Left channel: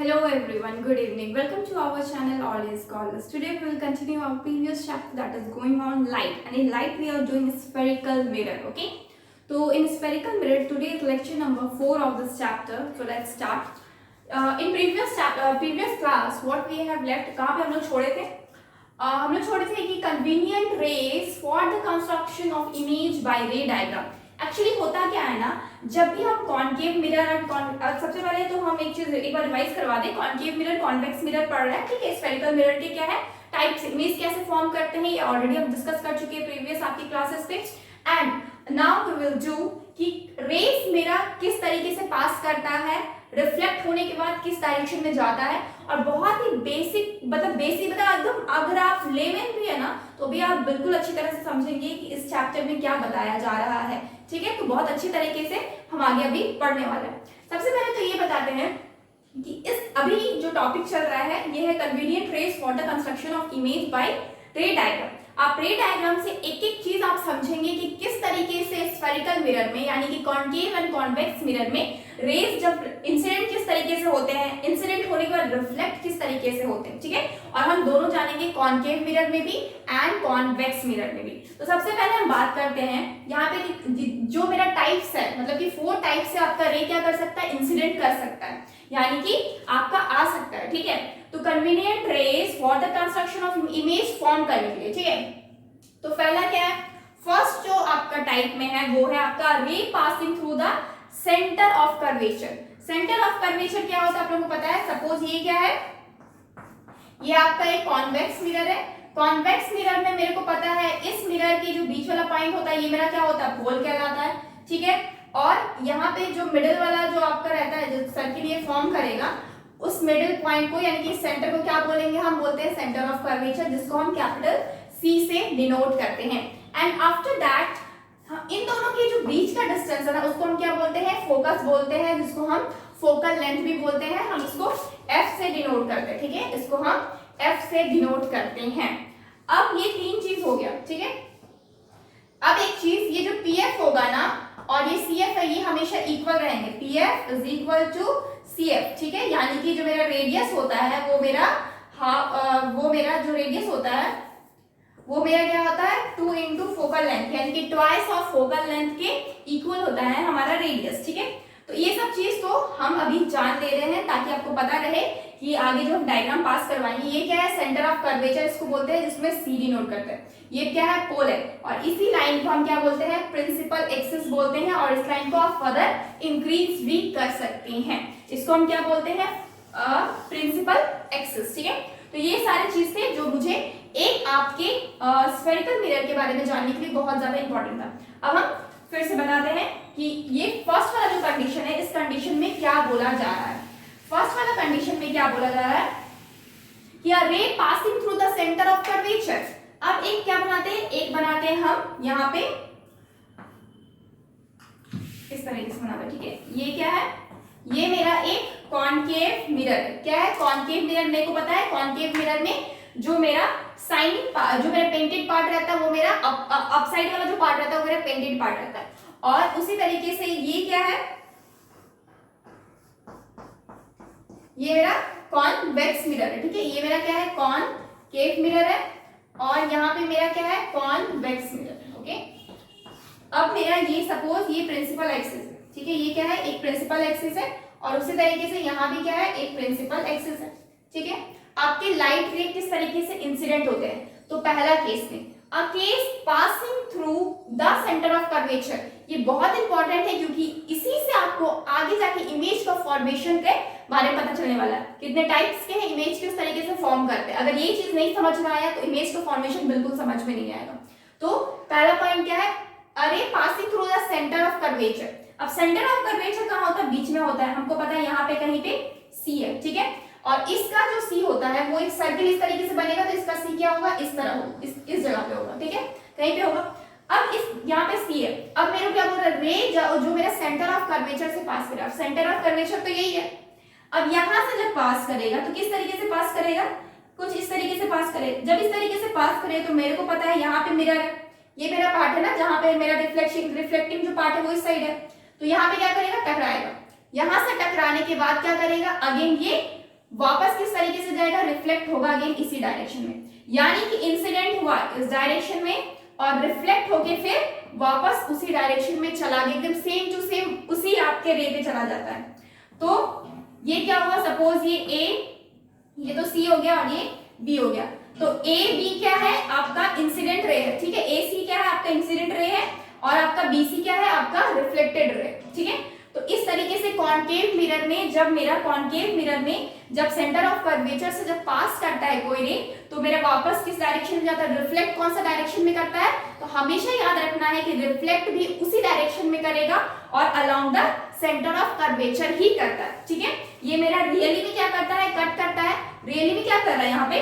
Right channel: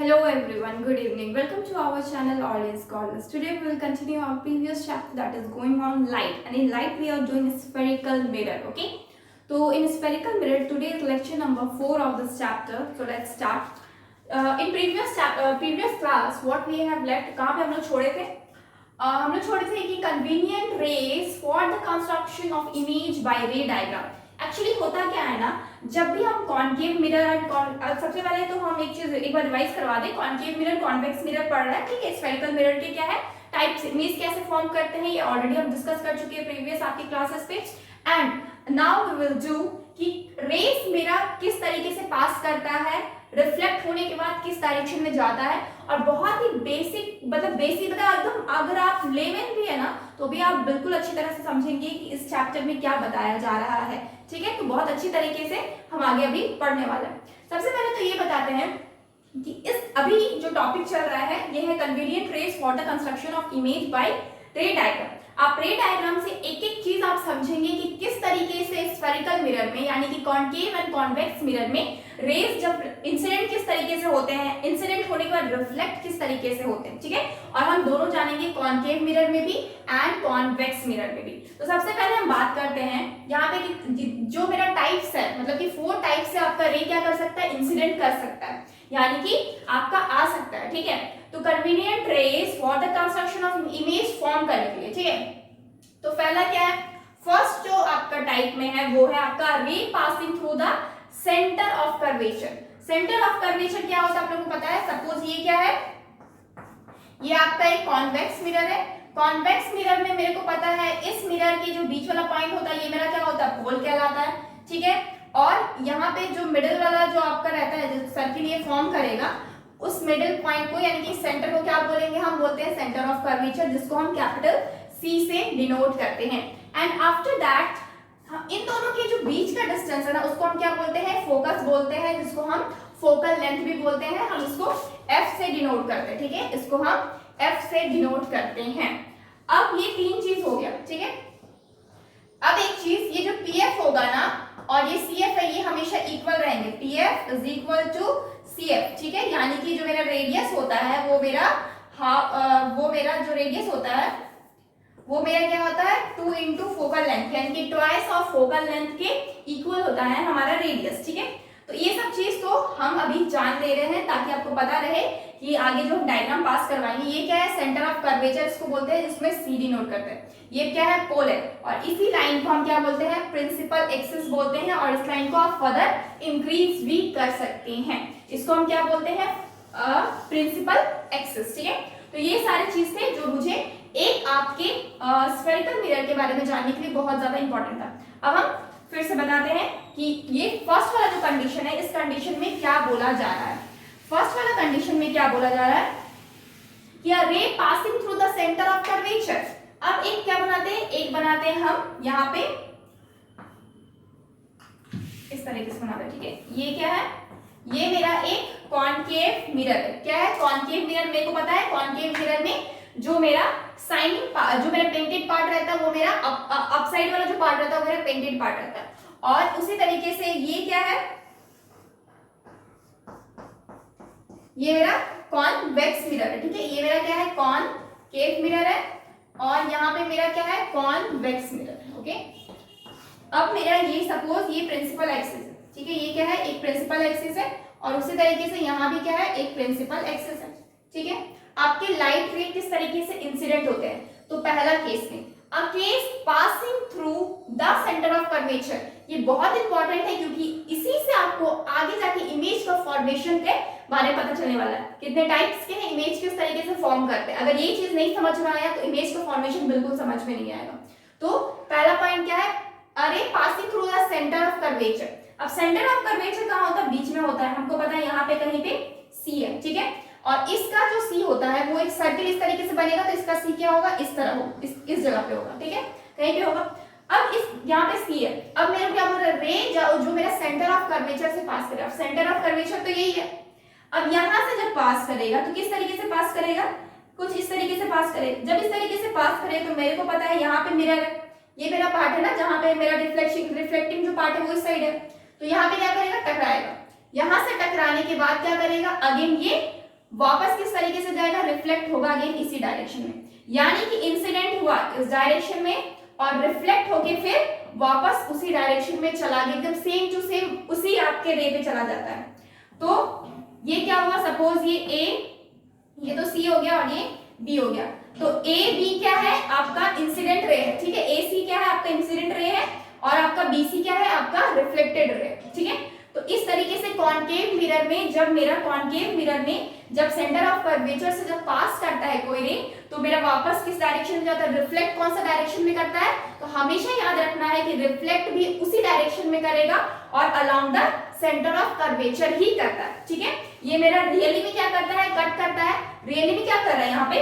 Hello everyone, good evening. Welcome to our channel Audience Scholars. Today we will continue our previous chapter that is going on light, and in light we are doing spherical mirror. Okay, so in spherical mirror today is lecture number 4 of this chapter. So let's start. In previous class what we have left, कहाँ पे हम लोग छोड़े थे? हम लोग छोड़े थे कि convenient rays for the construction of image by ray diagram. Actually होता क्या है ना, जब भी हम कॉन्केव मिरर सबसे पहले तो हम एक बार रिवाइज करवा दें. कॉन्केव मिरर कॉन्वेक्स मिरर पढ़ रहे हैं, ठीक है. स्फेरिकल मिरर के क्या है टाइप्स, इमेज कैसे फॉर्म करते हैं, ये ऑलरेडी हम डिस्कस कर चुके हैं प्रीवियस आपकी क्लासेस पे. And now we will do कि रेस मेरा किस तरीके से पास करता है, रिफ्लेक्ट होने के बाद किस डायरेक्शन में जाता है. और बहुत ही बेसिक मतलब एकदम, अगर आप लेवल भी है ना तो भी आप बिल्कुल अच्छी तरह से समझेंगे कि इस चैप्टर में क्या बताया जा रहा है, ठीक है. तो बहुत अच्छी तरीके से हम आगे अभी पढ़ने वाला है. सबसे पहले तो ये बताते हैं कि इस अभी जो टॉपिक चल रहा है ये है convenient rays for the construction of image by ray diagram. आप रे डायग्राम से एक एक चीज आप समझेंगे कि किस तरीके से स्फेरिकल मिरर में यानी कि कॉन्केव एंड कॉन्वेक्स मिरर में रेज जब इंसिडेंट किस तरीके से होते हैं, इंसिडेंट होने के बाद रिफ्लेक्ट किस तरीके से होते हैं, ठीक है. और हम दोनों जानेंगे कॉन्केव मिरर में भी एंड कॉन्वेक्स मिरर में भी. तो सबसे पहले हम बात करते हैं यहाँ पे कि जो मेरा टाइप्स है, मतलब कि 4 टाइप से आपका रे क्या कर सकता है, इंसिडेंट कर सकता है, यानी कि आपका आ सकता है, ठीक है. तो convenient rays for the construction of image form करने के लिए, ठीक है. तो पहला क्या है, फर्स्ट जो आपका टाइप में है वो है आपका रे passing through the centre of curvature. Centre of curvature क्या होता है आप लोगों को पता है. सपोज ये क्या है, ये आपका एक कॉन्वेक्स मिरर है. कॉन्वेक्स मिरर में मेरे को पता है इस मिरर की जो बीच वाला पॉइंट होता है ये मेरा क्या होता है, पोल कहलाता है, ठीक है. और यहाँ पे जो मिडिल वाला जो आपका रहता है जो सर्किल ये फॉर्म करेगा, उस मिडिल पॉइंट को यानी कि सेंटर को क्या बोलेंगे, हम बोलते हैं सेंटर ऑफ कर्वेचर, जिसको हम कैपिटल C से डिनोट करते हैं. एंड आफ्टर दैट इन दोनों के जो बीच का डिस्टेंस है ना उसको हम क्या बोलते हैं, फोकस बोलते हैं, जिसको हम फोकल लेंथ भी बोलते हैं. हम इसको F से डिनोट करते हैं, ठीक है. इसको हम F से डिनोट करते हैं. अब ये 3 चीज हो गया, ठीक है. अब एक चीज, ये जो PF होगा ना और ये CF है, ये हमेशा इक्वल रहेंगे. PF is equal to CF, ठीक है. यानी कि जो मेरा रेडियस होता है वो मेरा जो रेडियस होता है वो मेरा क्या होता है 2 इंटू फोकल लेंथ, यानी कि ट्वाइस ऑफ फोकल लेंथ के इक्वल होता है हमारा रेडियस, ठीक है. तो ये सब चीज तो हम अभी जान ले रहे हैं ताकि आपको पता रहे कि आगे जो हम डायग्राम पास करवाएंगे ये क्या है, सेंटर ऑफ कर्वेचर इसको बोलते हैं, जिसमें C डिनोट करते हैं. ये क्या है, पोल है. और इसी लाइन को हम क्या बोलते हैं, प्रिंसिपल एक्सिस बोलते हैं. और इस लाइन को आप फर्दर इंक्रीज भी कर सकते हैं. इसको हम क्या बोलते हैं, प्रिंसिपल एक्सिस, ठीक है. तो ये सारी चीज थे जो मुझे एक आपके स्फेरिकल मिरर के बारे में जानने के लिए बहुत ज्यादा इंपॉर्टेंट था. अब हम फिर से बताते हैं कि ये फर्स्ट वाला जो कंडीशन है, इस कंडीशन में क्या बोला जा रहा है. फर्स्ट वाला कंडीशन में क्या बोला जा रहा है कि a ray passing through the centre of curvature. अब एक क्या बनाते हैं, एक बनाते हैं हम यहाँ पे इस तरीके से बनाते हैं, ठीक है. ये क्या है, ये मेरा एक कॉन्केव मिरर है. क्या है, कॉन्केव मिरर. मेरे को पता है कॉन्केव मिरर में जो मेरा साइनिंग पार्ट, जो मेरा पेंटेड पार्ट रहता है वो मेरा अपसाइड वाला जो पार्ट रहता है वो मेरा पेंटेड पार्ट रहता है. और उसी तरीके से ये क्या है, ये मेरा कॉन्वेक्स मिरर है, ठीक है. ये मेरा क्या है, कॉनकेव मिरर है. और यहाँ पे मेरा क्या है, कॉन्वेक्स मिरर है, ओके. अब मेरा ये सपोज ये प्रिंसिपल एक्सिस है, ठीक है. ये क्या है, एक प्रिंसिपल एक्सिस है. और उसी तरीके से यहाँ भी क्या है, एक प्रिंसिपल एक्सिस है, ठीक है. आपके लाइट रे किस तरीके से इंसिडेंट होते हैं, तो पहला केस में a case passing through the centre of curvature. ये बहुत इंपॉर्टेंट है क्योंकि इसी से आपको आगे जाके इमेज का फॉर्मेशन के बारे में पता चलने वाला है. कितने टाइप्स के हैं, इमेज किस तरीके से फॉर्म करते हैं. अगर ये चीज नहीं समझ में आया तो इमेज का फॉर्मेशन बिल्कुल समझ में नहीं आएगा. तो पहला पॉइंट क्या है, अरे passing through the centre of curvature. अब सेंटर ऑफ कर्वेचर कहाँ होता है, बीच में होता है. हमको पता है यहाँ पे कहीं पे C है, ठीक है. और इसका जो C होता है वो एक सर्किल इस तरीके से बनेगा, तो इसका C क्या होगा, इस तरह होगा, इस जगह पे होगा, ठीक है, कहीं पे होगा. अब इस यहाँ पे C है. अब मेरे को क्या बोल रहा है, रे जो मेरा सेंटर ऑफ कर्वेचर से पास करेगा. सेंटर ऑफ कर्वेचर तो यही है. अब यहाँ से जब पास करेगा तो किस तरीके से पास करेगा, कुछ इस तरीके से पास करेगा. जब इस तरीके से पास करे तो मेरे को पता है यहाँ पे मिरर है, ये मेरा पार्ट है ना जहाँ पे मेरा रिफ्लेक्टिंग जो पार्ट है वो इस साइड है. तो यहाँ पे क्या करेगा, टकराएगा. यहाँ से टकराने के बाद क्या करेगा, अगेन ये वापस किस तरीके से जाएगा, रिफ्लेक्ट होगा अगेन इसी डायरेक्शन में। यानी कि इंसिडेंट हुआ इस डायरेक्शन में और रिफ्लेक्ट होके फिर वापस उसी डायरेक्शन में चला गया, एकदम सेम टू सेम उसी आपके रे पे चला जाता है। तो ये क्या हुआ, सपोज ये ए, ये तो सी हो गया और ये बी हो गया। तो ए बी क्या है, आपका इंसिडेंट रे है, ठीक है। ए सी क्या है, आपका इंसिडेंट रे है, और आपका बी सी क्या है, आपका रिफ्लेक्टेड रे, ठीक है। तो इस तरीके से कॉन्केव मिरर में, जब मेरा कॉन्केव मिरर में जब सेंटर ऑफ कर्वेचर से जब पास करता है कोई रे, तो मेरा वापस किस डायरेक्शन में जाता है, रिफ्लेक्ट कौन सा डायरेक्शन में करता है, तो हमेशा याद रखना है कि रिफ्लेक्ट भी उसी डायरेक्शन में करेगा और along the centre of curvature ही करता है, ठीक है। ये मेरा रियली में क्या करता है, कट करता है, रियली में क्या कर रहा है, यहाँ पे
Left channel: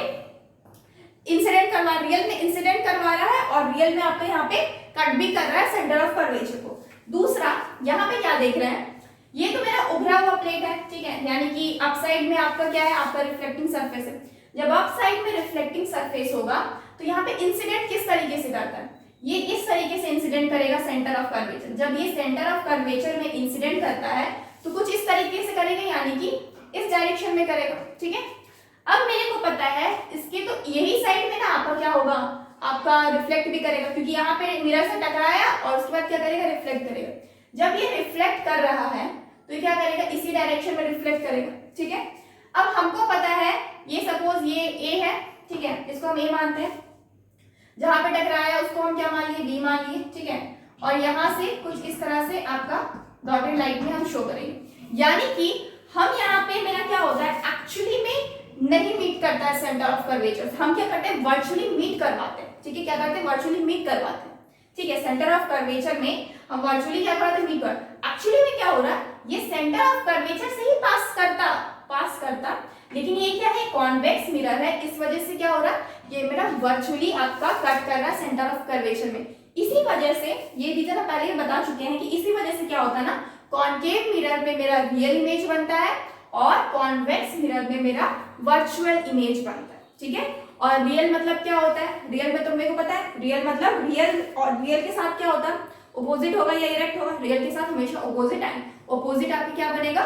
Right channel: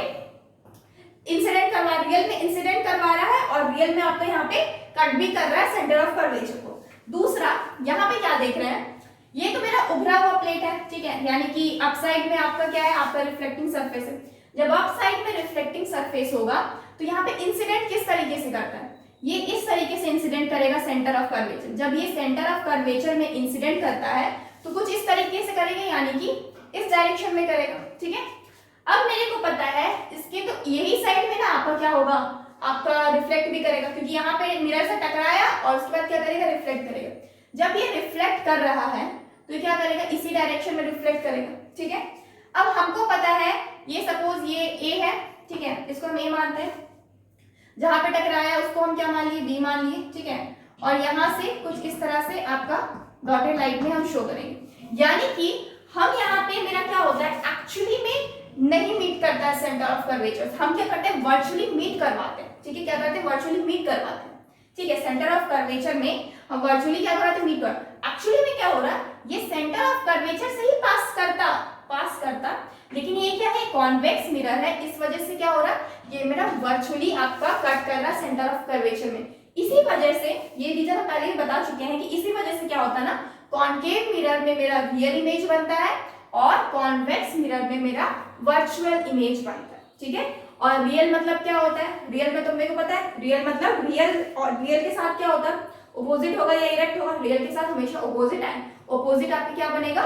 इंसिडेंट करवा, रियल में इंसिडेंट करवा रहा है और रियल में आपका यहाँ पे कट भी कर रहा है सेंटर ऑफ कर्वेचर को। दूसरा यहाँ पे क्या देख रहे हैं, ये तो मेरा उभरा हुआ प्लेट है, ठीक है, यानी कि अप साइड में आपका क्या है, आपका रिफ्लेक्टिंग सरफेस है। जब अप साइड में रिफ्लेक्टिंग सरफेस होगा तो यहाँ पे इंसिडेंट किस तरीके से करता है, ये इस तरीके से इंसिडेंट करेगा सेंटर ऑफ कर्वेचर। जब ये सेंटर ऑफ कर्वेचर में इंसिडेंट करता है तो कुछ इस तरीके से करेगा, यानी कि इस डायरेक्शन में करेगा, ठीक है। अब मेरे को पता है इसके, तो यही साइड में ना आपका क्या होगा, आपका रिफ्लेक्ट भी करेगा, क्योंकि यहाँ पे मिरर से टकराया और उसके बाद क्या करेगा, रिफ्लेक्ट करेगा। जब ये रिफ्लेक्ट कर रहा है तो ये क्या करेगा, इसी डायरेक्शन में रिफ्लेक्ट करेगा, ठीक है। अब हमको पता है ये सपोज ये ए है, ठीक है, इसको हम ए मानते हैं, जहां पे टकराया उसको हम क्या मान लिए, बी मान लिए, ठीक है। और यहां से कुछ इस तरह से आपका डॉटेड लाइन में हम शो करेंगे, यानी कि हम यहाँ पे मेरा क्या होता है, एक्चुअली में नहीं मीट करता है सेंटर ऑफ कर्वेचर, हम क्या करते हैं, वर्चुअली मीट करवाते हैं, ठीक है। क्या करते हैं, वर्चुअली मीट करवाते हैं, ठीक है। सेंटर ऑफ कर्वेचर में हम वर्चुअली क्या कराते हैं, मीट कर। एक्चुअली में क्या हो रहा है, ये सेंटर ऑफ कर्वेचर से ही पास करता, लेकिन ये क्या है, कॉन्वेक्स मिरर है, इस वजह से क्या हो रहा है, ये मेरा वर्चुअली आपका कट कर रहा है सेंटर ऑफ कर्वेचर में। इसी वजह से ये रीजन हम पहले ही बता चुके हैं कि इसी वजह से क्या होता है ना, कॉन्केव मिरर में मेरा रियल इमेज बनता है और कॉन्वेक्स मिरर में मेरा वर्चुअल इमेज बनता है, ठीक है। और रियल मतलब क्या होता है, रियल में तो मेरे को पता है, रियल मतलब रियल, और रियल के साथ क्या होता है, ऑपोजिट होगा या इरेक्ट होगा, रियल के साथ हमेशा ऑपोजिट है, ऑपोजिट आपकी क्या बनेगा,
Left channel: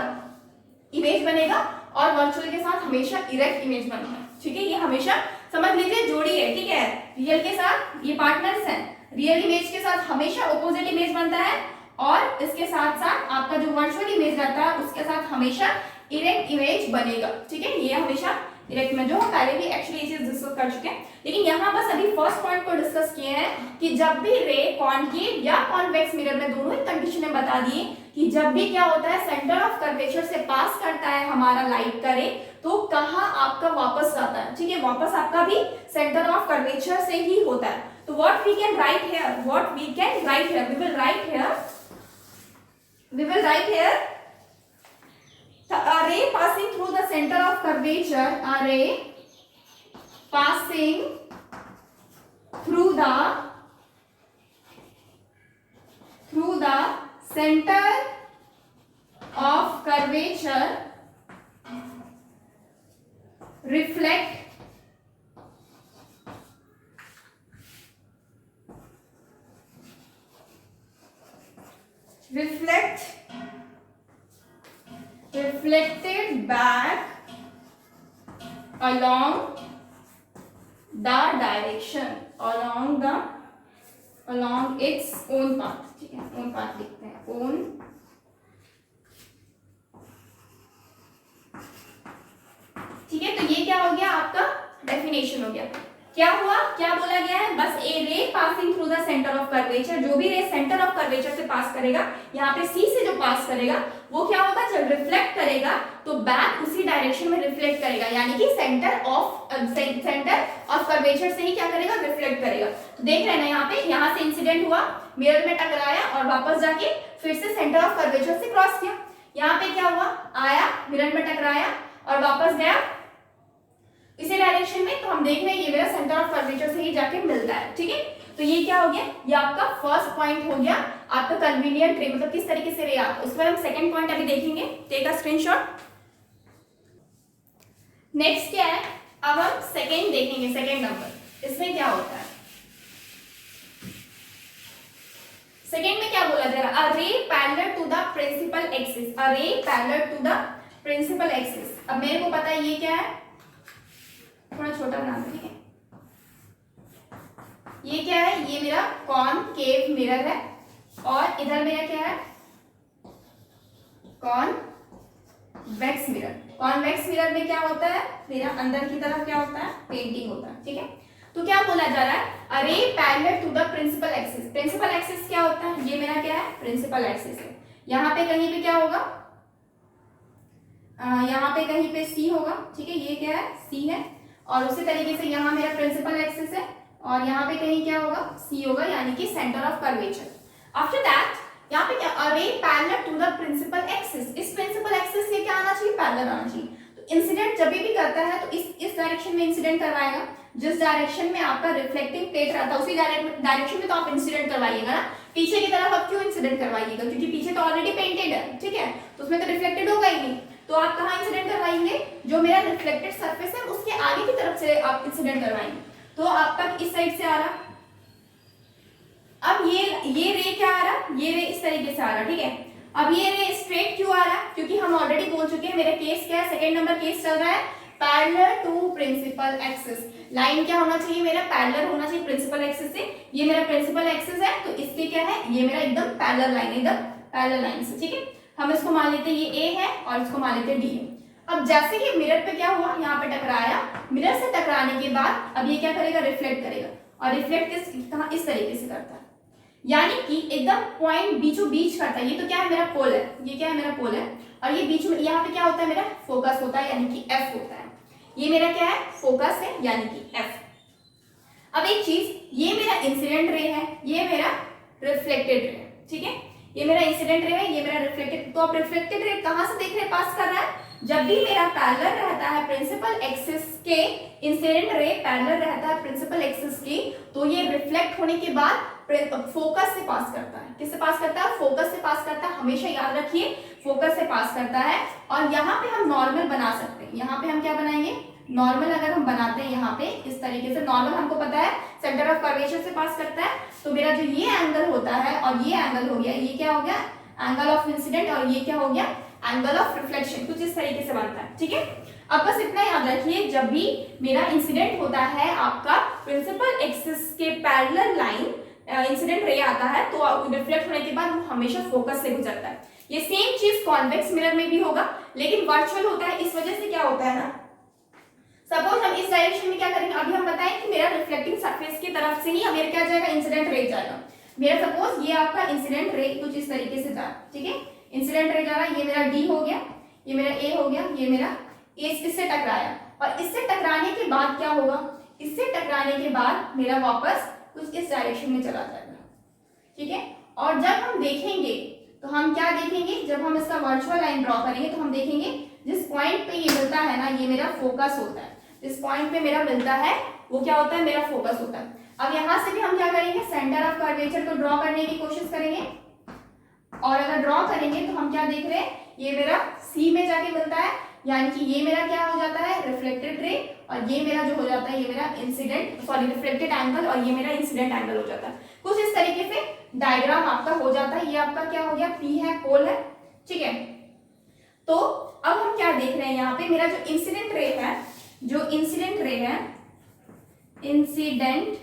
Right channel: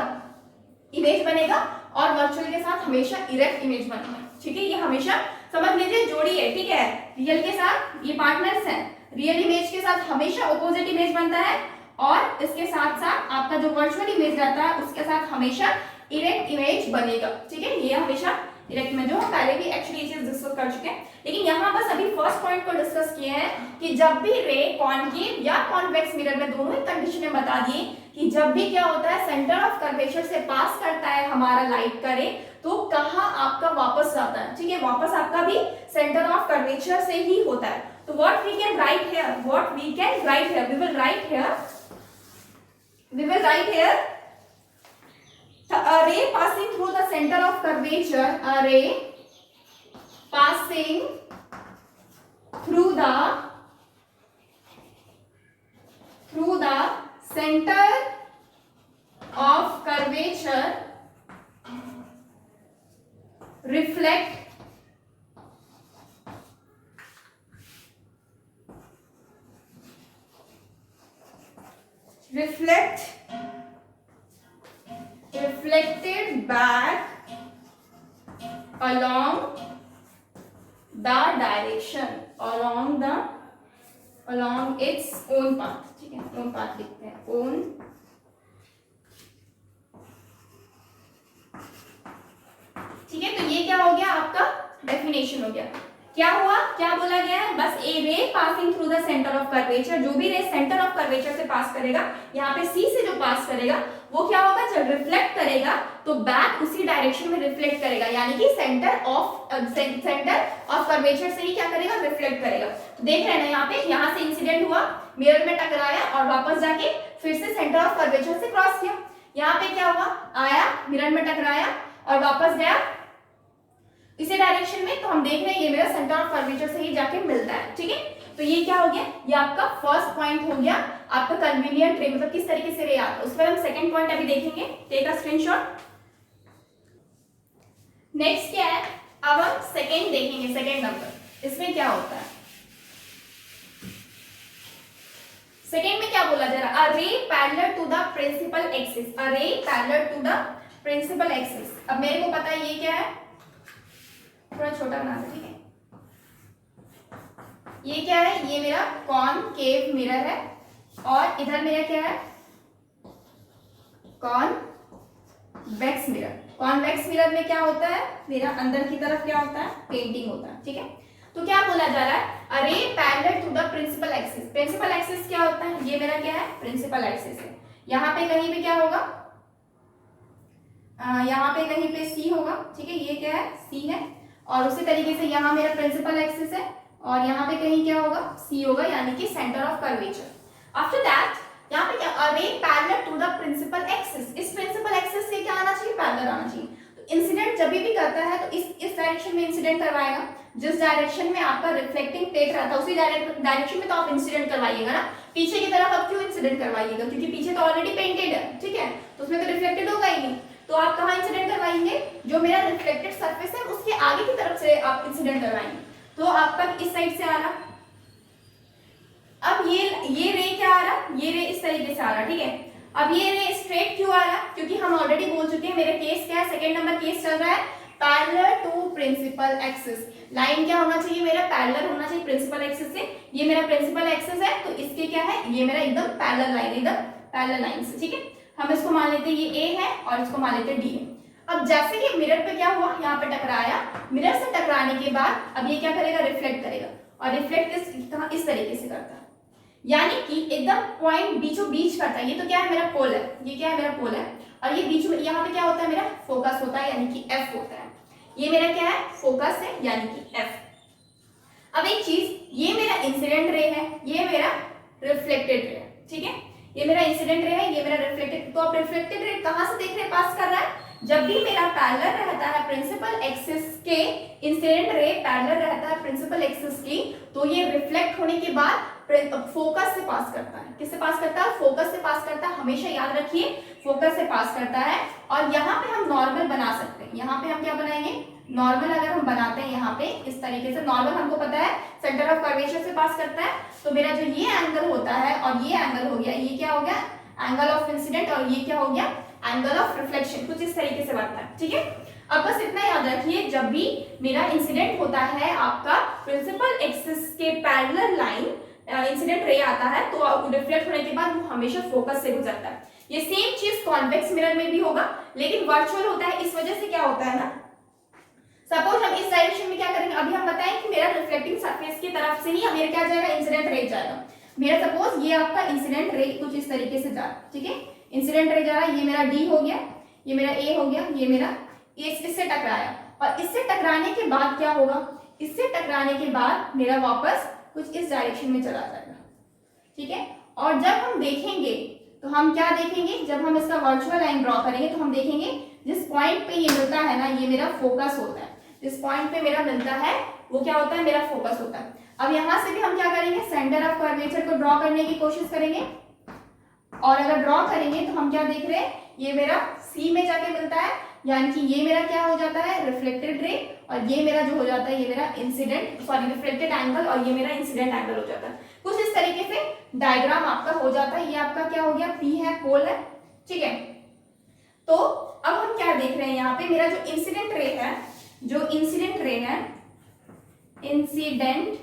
इमेज बनेगा, और वर्चुअल के साथ हमेशा इरेक्ट इमेज बनेगा, ठीक है। ये हमेशा समझ लीजिए जोड़ी है, ठीक है। रियल के साथ ये पार्टनर्स हैं, रियल इमेज के साथ हमेशा ऑपोजिट इमेज बनता है, और इसके साथ साथ आपका जो वर्चुअल इमेज रहता है उसके साथ हमेशा इरेक्ट इमेज बनेगा, ठीक है। ये हमेशा इरेक्ट में, जो हम पहले भी एक्चुअली ये चीज डिस्कस कर चुके हैं, लेकिन यहाँ बस अभी फर्स्ट पॉइंट को डिस्कस किए हैं कि जब भी रे कॉन्केव या कॉन्वेक्स मिरर में, दोनों ही कंडीशन बता दिए कि जब भी क्या होता है, सेंटर ऑफ कर्वेचर से पास करता है हमारा लाइट का रे, तो कहाँ आपका वापस जाता है, ठीक है, वापस आपका भी सेंटर ऑफ कर्वेचर से ही होता है। तो what we can write here, what we can write here, we will write here a ray passing through the center of curvature, a ray passing through the center of curvature reflected back along the direction, along its own path, ठीक है, own path लिखते हैं, own, ठीक है। तो ये क्या हो गया, आपका डेफिनेशन हो गया। क्या हुआ, क्या बोला गया है, बस a ray passing through the centre of curvature, जो भी रे सेंटर ऑफ कर्वेचर से पास करेगा, यहाँ पे सी से जो पास करेगा वो क्या होगा, जब रिफ्लेक्ट करेगा तो बैक उसी डायरेक्शन में रिफ्लेक्ट करेगा, यानी कि सेंटर ऑफ कर्वेचर से ही क्या करेगा, रिफ्लेक्ट करेगा। तो देख रहे हैं ना, यहाँ पे, यहाँ से इंसिडेंट हुआ, मिरर में टकराया और वापस जाके फिर से सेंटर ऑफ कर्वेचर से क्रॉस किया। यहाँ पे क्या हुआ, आया, मिरर में टकराया और वापस गया इसी डायरेक्शन में, तो हम देख रहे हैं ये मेरा सेंटर ऑफ कर्वेचर से ही जाके मिलता है, ठीक है। तो ये क्या हो गया, ये आपका फर्स्ट पॉइंट हो गया, आपका कन्वीनियंट रे, मतलब किस तरीके से रे आता है, उस पर हम सेकंड पॉइंट अभी देखेंगे, टेक अ स्क्रीनशॉट। नेक्स्ट क्या है, अब हम सेकंड देखेंगे, सेकंड नंबर, इसमें क्या होता है। सेकंड में क्या बोला जा रहा है, a ray parallel to the principal axis, a ray parallel to the principal axis. अब मेरे को पता है ये क्या है, थोड़ा छोटा बना दो, ठीक है। ये क्या है, ये मेरा कॉनकेव मिरर है और इधर मेरा क्या है, कॉन्वेक्स मिरर। कॉन्वेक्स मिरर में क्या होता है, मेरा अंदर की तरफ क्या होता है, पेंटिंग होता है, ठीक है। तो क्या बोला जा रहा है, a ray parallel to the principal axis. Principal axis क्या होता है, ये मेरा क्या है, प्रिंसिपल एक्सिस है। यहाँ पे कहीं पे क्या होगा, यहाँ पे कहीं पे सी होगा, ठीक है, ये क्या है, सी है। और उसी तरीके से यहाँ मेरा प्रिंसिपल एक्सिस है और यहाँ पे कहीं क्या होगा, सी होगा, यानी कि centre of curvature. After that यहाँ पे क्या, a ray parallel to the principal axis. इस प्रिंसिपल एक्सिस से क्या आना चाहिए, पैरेलल आना चाहिए। तो इंसिडेंट जब भी करता है तो इस डायरेक्शन में इंसिडेंट करवाएगा। जिस डायरेक्शन में आपका रिफ्लेक्टिंग प्लेट रहता है उसी डायरेक्शन में तो आप इंसिडेंट करवाइएगा ना। पीछे की तरफ आप क्यों इंसिडेंट करवाइएगा, क्योंकि पीछे तो ऑलरेडी पेंटेड है, ठीक है, तो उसमें तो रिफ्लेक्टेड होगा ही नहीं। तो आप कहाँ इंसिडेंट करवाएंगे, जो मेरा रिफ्लेक्टेड सरफेस है उसके आगे की तरफ से आप इंसिडेंट करवाएंगे। तो आपका इस साइड से आ रहा, अब ये रे क्या आ रहा, ये रे इस तरीके से आ रहा, ठीक है। अब ये रे स्ट्रेट क्यों आ रहा, क्योंकि हम ऑलरेडी बोल चुके हैं, मेरा केस क्या है, सेकंड नंबर केस चल रहा है, parallel to principal axis. Line क्या होना चाहिए, मेरा पैरेलल होना चाहिए प्रिंसिपल एक्सिस से। ये मेरा प्रिंसिपल एक्सिस है तो इसके क्या है, ये मेरा एकदम पैरेलल लाइन, एकदम पैरेलल लाइन से, ठीक है। हम इसको मान लेते हैं ये ए है और इसको मान लेते हैं डी है। अब जैसे कि मिरर पे क्या हुआ, यहाँ पे टकराया, मिरर से टकराने के बाद अब ये क्या करेगा, रिफ्लेक्ट करेगा। और रिफ्लेक्ट इस तरीके से करता है, यानी कि एकदम पॉइंट बीचों बीच करता है। ये तो क्या है, मेरा पोल है, ये क्या है, मेरा पोल है। और ये बीच में यहाँ पे क्या होता है, मेरा फोकस होता है, यानी कि एफ होता है। ये मेरा क्या है, फोकस है, यानी कि एफ। अब एक चीज, ये मेरा इंसिडेंट रे है, ये मेरा रिफ्लेक्टेड रे है, ठीक है। ये मेरा इंसिडेंट रे है, ये मेरा रिफ्लेक्टेड। तो आप रिफ्लेक्टेड रे कहां से देख रहे हैं, पास कर रहा है, जब भी मेरा पैरेलल रहता है प्रिंसिपल एक्सिस के, इंसिडेंट रे पैरेलल रहता है प्रिंसिपल एक्सिस की, तो ये रिफ्लेक्ट होने के बाद फोकस से पास करता है। किससे पास करता है, फोकस से पास करता है, हमेशा याद रखिए, फोकस से पास करता है। और यहाँ पे हम नॉर्मल बना सकते हैं, यहाँ पे हम क्या बनाएंगे, नॉर्मल अगर हम बनाते हैं यहाँ पे इस तरीके से, नॉर्मल हमको पता है सेंटर ऑफ कर्वेचर से पास करता है। तो मेरा जो ये एंगल होता है और ये एंगल हो गया, ये क्या हो गया, एंगल ऑफ इंसिडेंट, और ये क्या हो गया, एंगल ऑफ रिफ्लेक्शन। कुछ इस तरीके से बनता है, ठीक है। अब बस इतना याद रखिए, जब भी मेरा इंसिडेंट होता है आपका प्रिंसिपल एक्सिस के पैरेलल लाइन, इंसिडेंट रे आता है, तो रिफ्लेक्ट होने के बाद वो हमेशा फोकस से गुजरता है। ये सेम चीज कॉन्वेक्स मिरर में भी होगा, लेकिन वर्चुअल होता है। इस वजह से क्या होता है ना, सपोज हम इस डायरेक्शन में क्या करेंगे, अभी हम बताएं कि मेरा रिफ्लेक्टिंग सरफेस की तरफ से ही मेरा क्या जाएगा, इंसिडेंट रे जाएगा। मेरा सपोज ये आपका इंसिडेंट रे कुछ इस तरीके से जा रहा है, ठीक है, इंसिडेंट रे जा रहा है, ये मेरा डी हो गया, ये मेरा ए हो गया, ये मेरा इससे टकराया। और इससे टकराने के बाद क्या होगा, इससे टकराने के बाद मेरा वापस कुछ इस डायरेक्शन में चला जाएगा, ठीक है। और जब हम देखेंगे तो हम क्या देखेंगे, जब हम इसका वर्चुअल लाइन ड्रॉ करेंगे तो हम देखेंगे जिस पॉइंट पे ये मिलता है ना, ये मेरा फोकस होता है। जिस पॉइंट पे मेरा मिलता है वो क्या होता है, मेरा फोकस होता है। अब यहां से भी हम क्या करेंगे, सेंटर ऑफ कर्वेचर को ड्रॉ करने की कोशिश करेंगे। और अगर ड्रॉ करेंगे तो हम क्या देख रहे हैं, ये मेरा सी में जाके मिलता है, यानी कि ये मेरा क्या हो जाता है, रिफ्लेक्टेड रे, और ये मेरा जो हो जाता है, ये मेरा रिफ्लेक्टेड एंगल, और ये मेरा इंसिडेंट एंगल हो जाता है। कुछ इस तरीके से डायग्राम आपका हो जाता है। ये आपका क्या हो गया, पी है, पोल है, ठीक है। तो अब हम क्या देख रहे हैं, यहाँ पे मेरा जो इंसिडेंट रे है, इंसिडेंट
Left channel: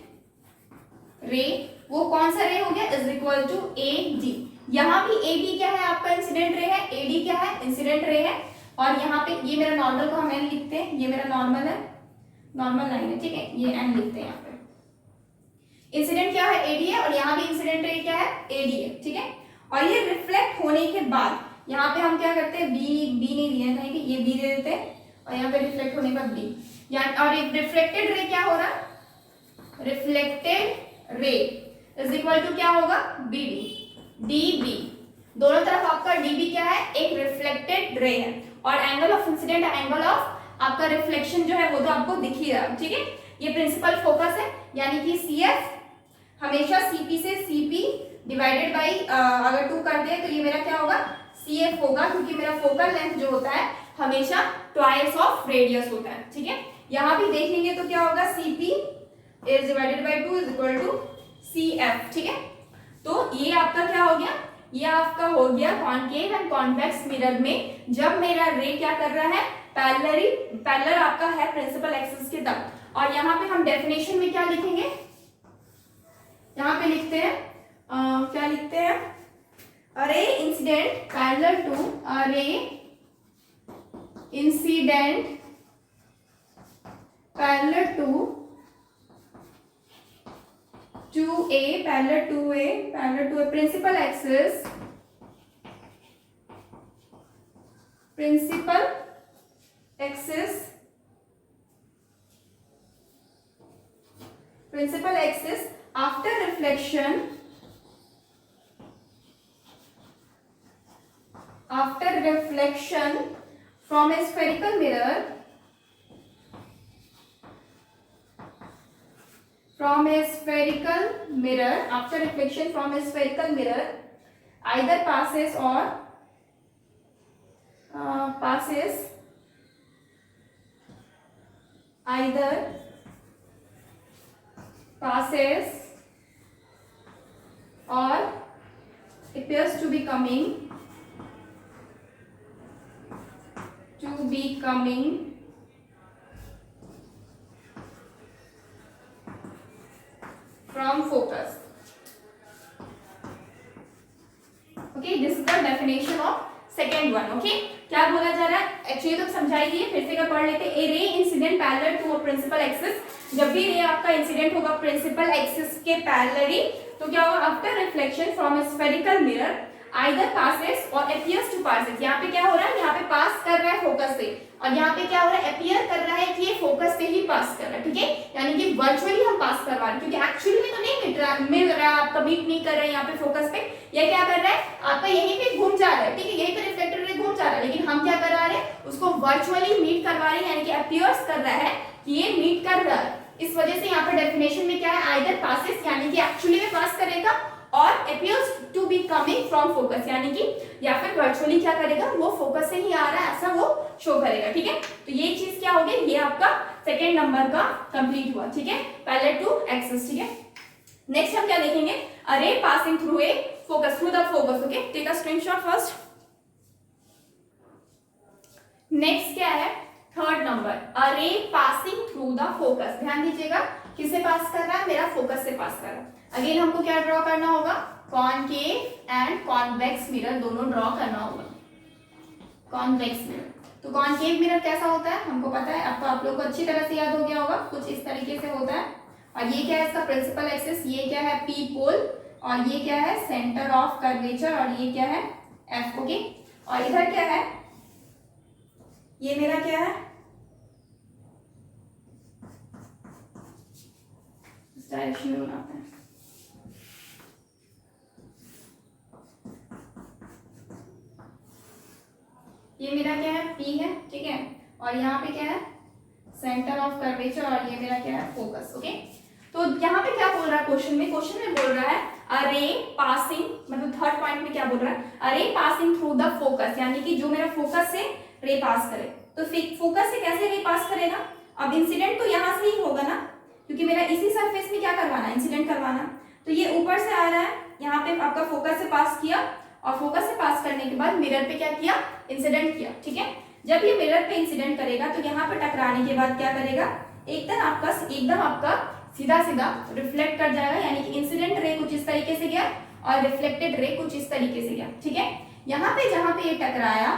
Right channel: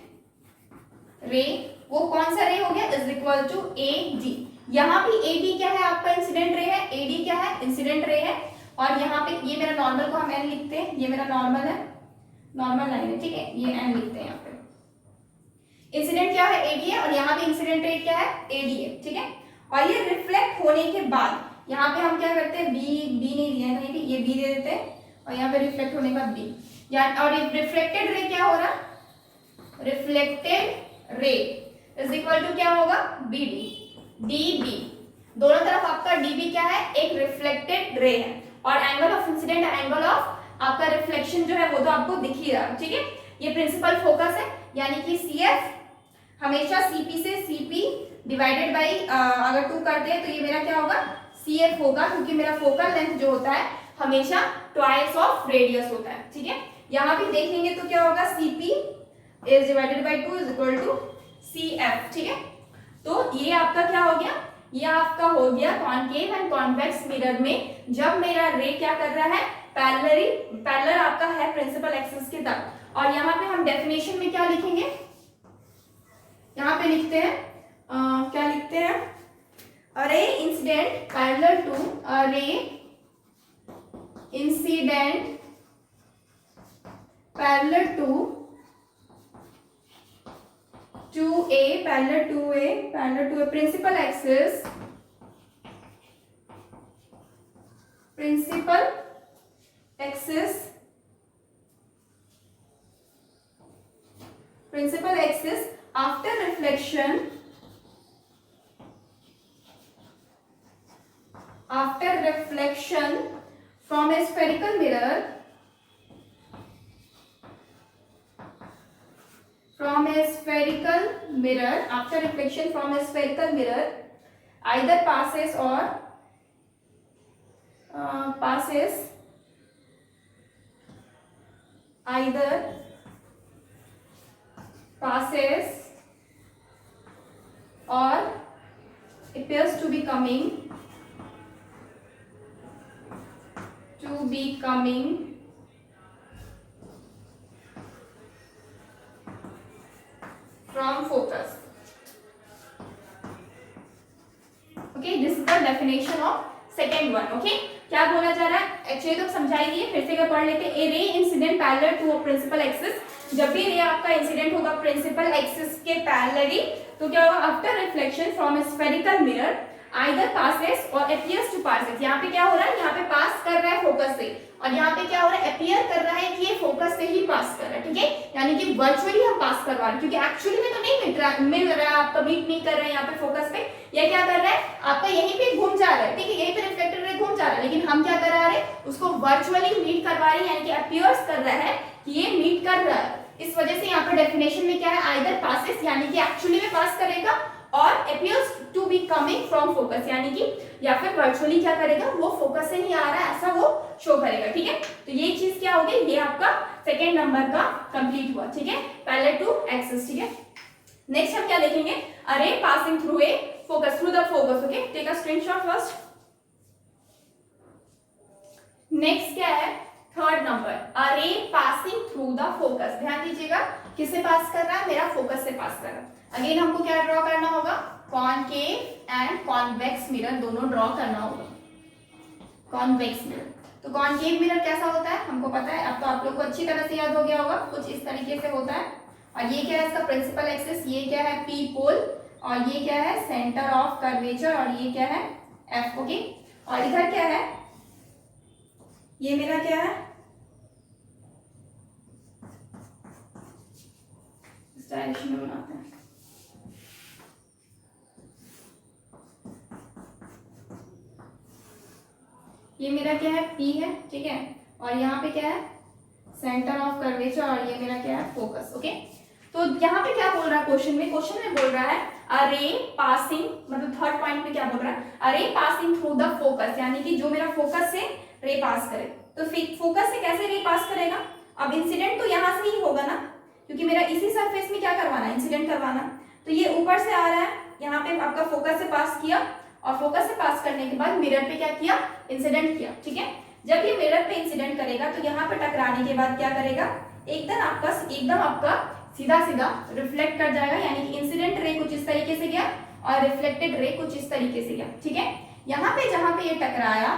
रे वो कौन सा रे हो गया, is equal to A D. यहाँ भी ए डी क्या है, आपका इंसिडेंट रे है, ए डी क्या है, इंसिडेंट रे है। और यहाँ पे ये मेरा नॉर्मल को हम एन लिखते हैं, ये मेरा नॉर्मल है, नॉर्मल लाइन है, ठीक है, ये एन लिखते हैं। यहाँ पे इंसिडेंट क्या है, एडी है, और यहाँ पे इंसिडेंट रे क्या है, एडी है, ठीक है। और ये रिफ्लेक्ट होने के बाद यहाँ पे हम क्या करते हैं, बी नहीं दिए कहीं भी, ये बी दे देते हैं, और यहाँ पे रिफ्लेक्ट होने के बाद बी, और रिफ्लेक्टेड रे क्या होगा, reflected ray is equal to क्या होगा, बी डी बी। दोनों तरफ आपका डीबी क्या है, एक रिफ्लेक्टेड रे है, और angle of incident, angle of आपका रिफ्लेक्शन जो है वो तो आपको दिख ही रहा है, ठीक है। ये प्रिंसिपल फोकस है, यानी कि सीएफ हमेशा सीपी से सीपी डिवाइडेड बाई अगर 2 करते हैं तो ये मेरा क्या होगा, सीएफ होगा, क्योंकि मेरा फोकल लेंथ जो होता है हमेशा ट्वाइस ऑफ रेडियस होता है, ठीक है। यहाँ भी देखेंगे तो क्या होगा, CP is divided by 2 is equal to CF, ठीक है। तो ये आपका क्या हो गया, ये आपका हो गया कॉनकेव एंड कॉन्वेक्स मिरर में जब मेरा रे क्या कर रहा है, पैरेलल आपका है प्रिंसिपल एक्सिस के तक। और यहाँ पे हम डेफिनेशन में क्या लिखेंगे, यहाँ पे लिखते हैं क्या लिखते हैं, a ray incident parallel to a ray incident parallel to a principal axis after reflection from a spherical mirror either passes or appears to be coming from focus. Okay, this is the definition of second one. Okay, क्या बोला जा रहा है, actually तो समझाई दिए, फिर से क्या पढ़ लेते हैं। A ray incident parallel to a principal axis, जब भी रे आपका इंसिडेंट होगा प्रिंसिपल एक्सिस के पैरेलली तो क्या होगा, after reflection from a spherical mirror either passes और अपीयर्स टू पासेस। यहाँ पे क्या हो रहा है, यहाँ पे पास कर रहा है फोकस से, और यहाँ पे क्या हो रहा है, अपीयर कर रहा है कि ये फोकस से ही पास कर रहा है। ठीक है, यानी कि वर्चुअली हम पास करवा रहे हैं, क्योंकि एक्चुअली में तो नहीं मिल रहा है, आपका मीट नहीं कर रहे हैं यहाँ पे फोकस पे। ये क्या कर रहा है, आपका यहीं पे घूम जा रहा है, ठीक है, यहीं पे रिफ्लेक्टर रे घूम जा रहा है, लेकिन हम क्या करा रहे हैं, उसको वर्चुअली मीट करवा रहे हैं, यानी कि अपीयर्स कर रहा है कि ये मीट कर रहा है। इस वजह से यहाँ पे डेफिनेशन में क्या है, आइदर पासेस यानी कि एक्चुअली में पास करेगा, और appears to be coming from focus यानी कि या फिर वर्चुअली क्या करेगा, वो फोकस से ही आ रहा है ऐसा वो शो करेगा। ठीक है, तो ये चीज क्या होगी, ये आपका सेकेंड नंबर का कंप्लीट हुआ। ठीक है, पैरेलल टू एक्सिस। ठीक है, नेक्स्ट हम क्या देखेंगे, a ray passing through a focus, through the focus. Okay, take a screenshot first. Next क्या है, third number, a ray passing through the focus. ध्यान दीजिएगा, किससे पास कर रहा है, मेरा फोकस से पास कर रहा है। अगेन हमको क्या ड्रॉ करना होगा, कॉनकेव एंड कॉन्वेक्स मिरर दोनों ड्रॉ करना होगा। कॉन्वेक्स मिरर, तो कॉनकेव मिरर कैसा होता है हमको पता है, अब तो आप लोग को अच्छी तरह से याद हो गया होगा, कुछ इस तरीके से होता है। और ये क्या है, इसका प्रिंसिपल एक्सिस, ये क्या है, पी पोल, और ये क्या है, सेंटर ऑफ कर्वेचर, और ये क्या है, एफ। ओके, और इधर क्या है, ये मेरा क्या है, डायरेक्शन में बनाते हैं, ये मेरा क्या है, P है। ठीक है, और यहाँ पे क्या है, सेंटर ऑफ कर्वेचर, और ये मेरा क्या है, फोकस। ओके, तो यहाँ पे क्या बोल रहा है क्वेश्चन में बोल रहा है अ रे पासिंग, मतलब थर्ड पॉइंट में क्या बोल रहा है, a ray passing through the focus, यानी कि जो मेरा फोकस से रे पास करे। तो फोकस से कैसे रे पास करेगा, अब इंसिडेंट तो यहाँ से ही होगा ना, क्योंकि मेरा इसी सरफेस में क्या करवाना है, इंसिडेंट करवाना। तो ये ऊपर से आ रहा है, यहाँ पे आपका फोकस से पास किया, और फोकस से पास करने के बाद मिरर पे क्या किया, इंसिडेंट किया। ठीक है, जब ये मिरर पे इंसिडेंट करेगा तो यहाँ पे टकराने के बाद क्या करेगा, एकदम आपका सीधा रिफ्लेक्ट कर जाएगा, यानी कि इंसिडेंट रे कुछ इस तरीके से गया और रिफ्लेक्टेड रे कुछ इस तरीके से गया। ठीक है, यहाँ पे जहां पे ये टकराया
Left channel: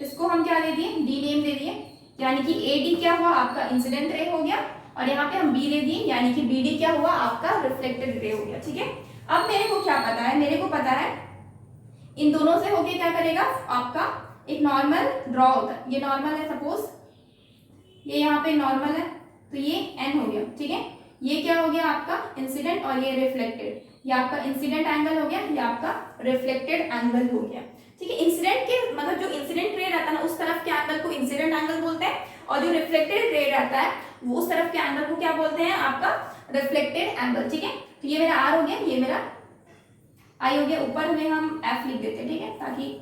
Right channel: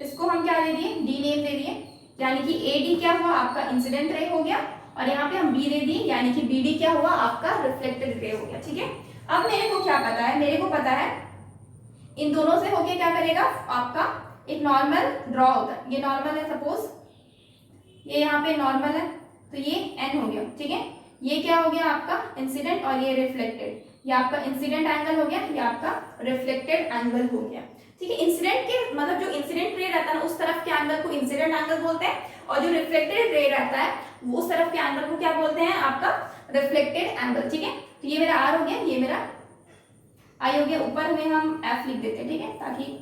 इसको हम क्या दे दिए, डी नेम दे दिए, यानी कि एडी क्या हुआ, आपका इंसिडेंट रे हो गया, और यहाँ पे हम बी दे दिए, यानी कि बीडी क्या हुआ, आपका रिफ्लेक्टेड रे हो गया। ठीक है, अब मेरे को क्या पता है, मेरे को पता है इन दोनों से होके क्या करेगा, आपका एक नॉर्मल ड्रॉ होता है, ये नॉर्मल है, सपोज ये यहाँ पे नॉर्मल है, तो ये एन हो गया। ठीक है, ये क्या हो गया, आपका इंसिडेंट, और ये रिफ्लेक्टेड, ये आपका इंसिडेंट एंगल हो गया, ये आपका रिफ्लेक्टेड एंगल हो गया। ठीक है, इंसिडेंट के मतलब जो इंसिडेंट रे रहता है ना, उस तरफ के एंगल को इंसिडेंट एंगल बोलते हैं, और जो रिफ्लेक्टेड रे रहता है वो उस तरफ के एंगल को क्या बोलते हैं, आपका रिफ्लेक्टेड एंगल। ठीक है, तो ये मेरा आर हो गया, ये मेरा आई हो गया, ऊपर में हम एफ लिख देते हैं। ठीक है, ताकि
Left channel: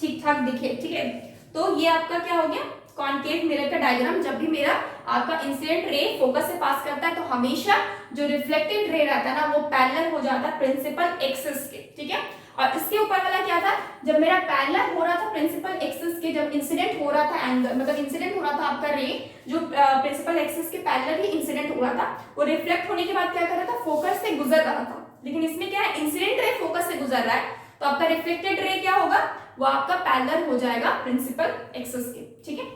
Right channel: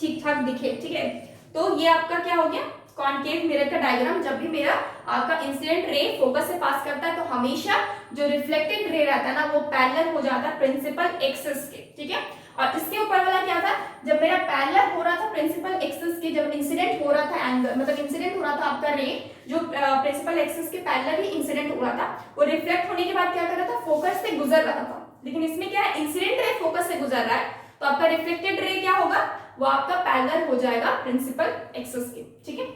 ठीक ठाक दिखे। ठीक है, तो ये आपका क्या हो गया, कॉनकेव मिरर का डायग्राम। जब भी मेरा आपका इंसिडेंट रे फोकस से पास करता है तो हमेशा जो रिफ्लेक्टेड रे रहता है ना वो पैरेलल हो जाता है प्रिंसिपल एक्सिस के। ठीक है, और इसके ऊपर वाला क्या था, जब मेरा पैरेलल हो रहा था प्रिंसिपल एक्सिस के, जब इंसिडेंट हो रहा था एंगल, मतलब इंसिडेंट हो रहा था आपका रे जो प्रिंसिपल एक्सिस के पैरेलल ही इंसिडेंट हो रहा था, वो रिफ्लेक्ट होने के बाद क्या कर रहा था, फोकस से गुजर रहा था। लेकिन इसमें क्या है, इंसिडेंट रे फोकस से गुजर रहा है, तो आपका रिफ्लेक्टेड रे क्या होगा, वो आपका पैरेलल हो जाएगा प्रिंसिपल एक्सिस के। ठीक है,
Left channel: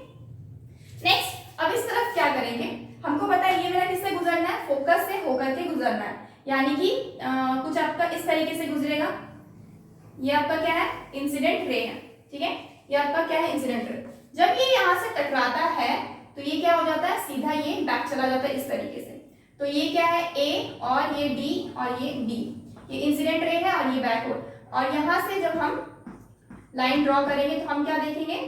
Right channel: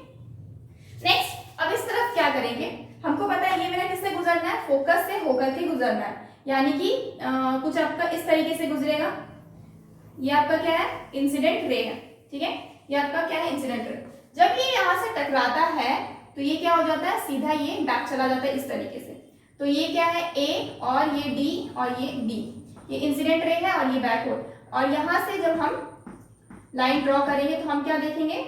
नेक्स्ट अब इस तरफ क्या करेंगे, हमको पता है ये मेरा किससे गुजरना है, फोकस से होकर के गुजरना है, यानी कि कुछ आपका इस तरीके से गुजरेगा, ये आपका क्या है, इंसिडेंट रे है। ठीक है, ये आपका क्या है, इंसिडेंट रे। जब ये यहाँ से टकराता है तो ये क्या हो जाता है, सीधा ये बैक चला जाता है इस तरीके से। तो ये क्या है, ए और ये डी और ये बी, ये इंसिडेंट रे है और ये बैकवर्ड। और यहाँ से जब हम लाइन ड्रॉ करेंगे तो हम क्या देखेंगे,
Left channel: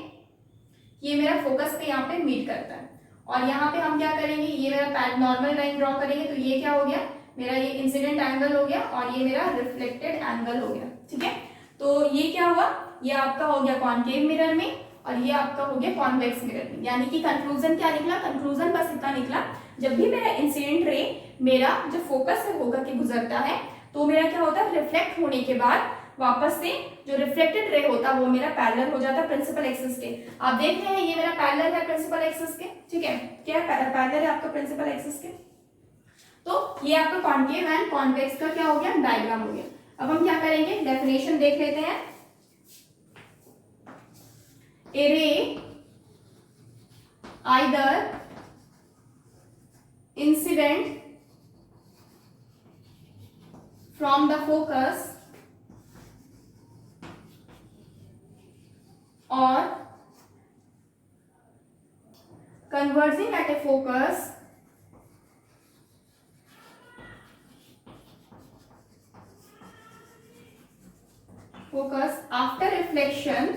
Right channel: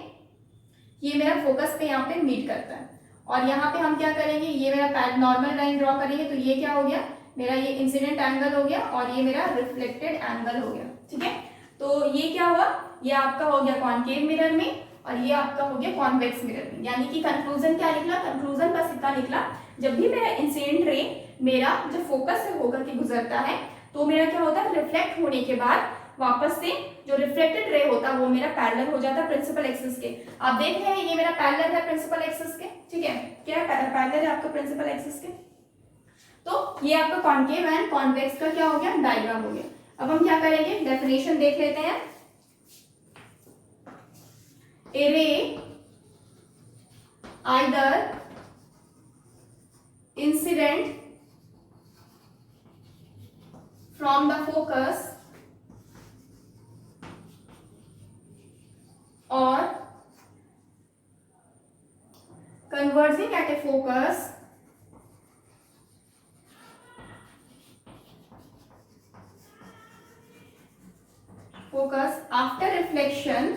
ये मेरा फोकस पे यहाँ पे मीट करता है। और यहाँ पे हम क्या करेंगे, ये मेरा नॉर्मल लाइन ड्रॉ करेंगे, तो ये क्या हो गया, मेरा ये इंसिडेंट एंगल हो गया और ये मेरा रिफ्लेक्टेड एंगल हो गया। ठीक है, तो ये क्या हुआ, ये आपका हो गया कॉनकेव मिरर में और ये आपका हो गया कॉन्वेक्स मिरर में। यानी कि कंक्लूजन क्या निकला, कंक्लूजन का सिक्का निकला, जब भी मेरा इंसिडेंट रे मेरा जो फोकस से होकर के गुजरता है तो मेरा क्या होता है, रिफ्लेक्ट होने के बाद वापस से जो रिफ्लेक्टेड रे होता है वो मेरा पैरेलल हो जाता है प्रिंसिपल एक्सिस के। आप देख रहे हैं ये मेरा पैरेलल है प्रिंसिपल एक्सिस के। ठीक है, क्या पैरेलल है आपका प्रिंसिपल एक्सिस के। तो ये आपका कॉनकेव एंड कॉन्वेक्स का क्या हो गया, डायग्राम हो गया। अब हम क्या करेंगे, डेफिनेशन देख लेते हैं। ए रे either incident from the focus or converging at a focus after reflection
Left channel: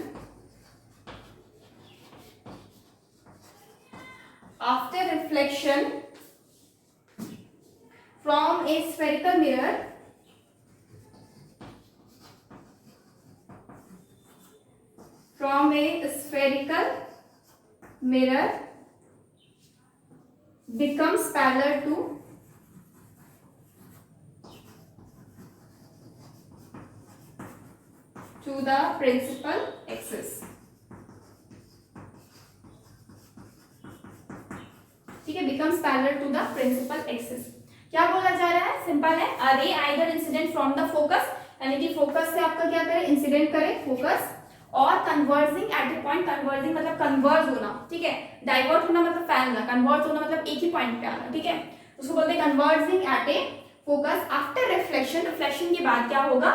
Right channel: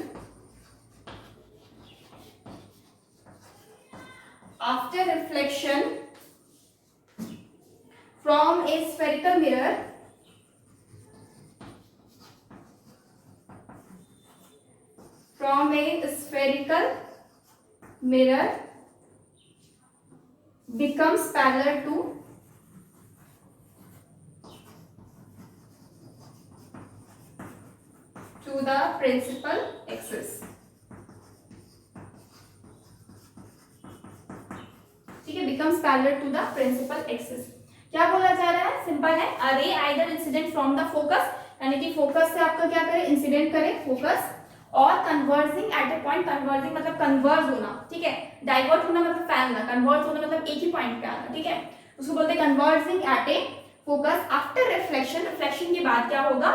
from a spherical mirror becomes parallel to the principal axis। ठीक है, becomes parallel to the principal axis। क्या बोला जा रहा है, सिंपल है, a ray either incident from the focus, यानी कि फोकस से आपका क्या करे, इंसिडेंट करे फोकस, और converging at A point, converging मतलब कन्वर्ज होना। ठीक है, डाइवर्ट होना मतलब फैलना, कन्वर्ज होना मतलब एक ही पॉइंट पे आना। ठीक है, उसको बोलते हैं converging at a focus after reflection. Reflection के बाद क्या होगा,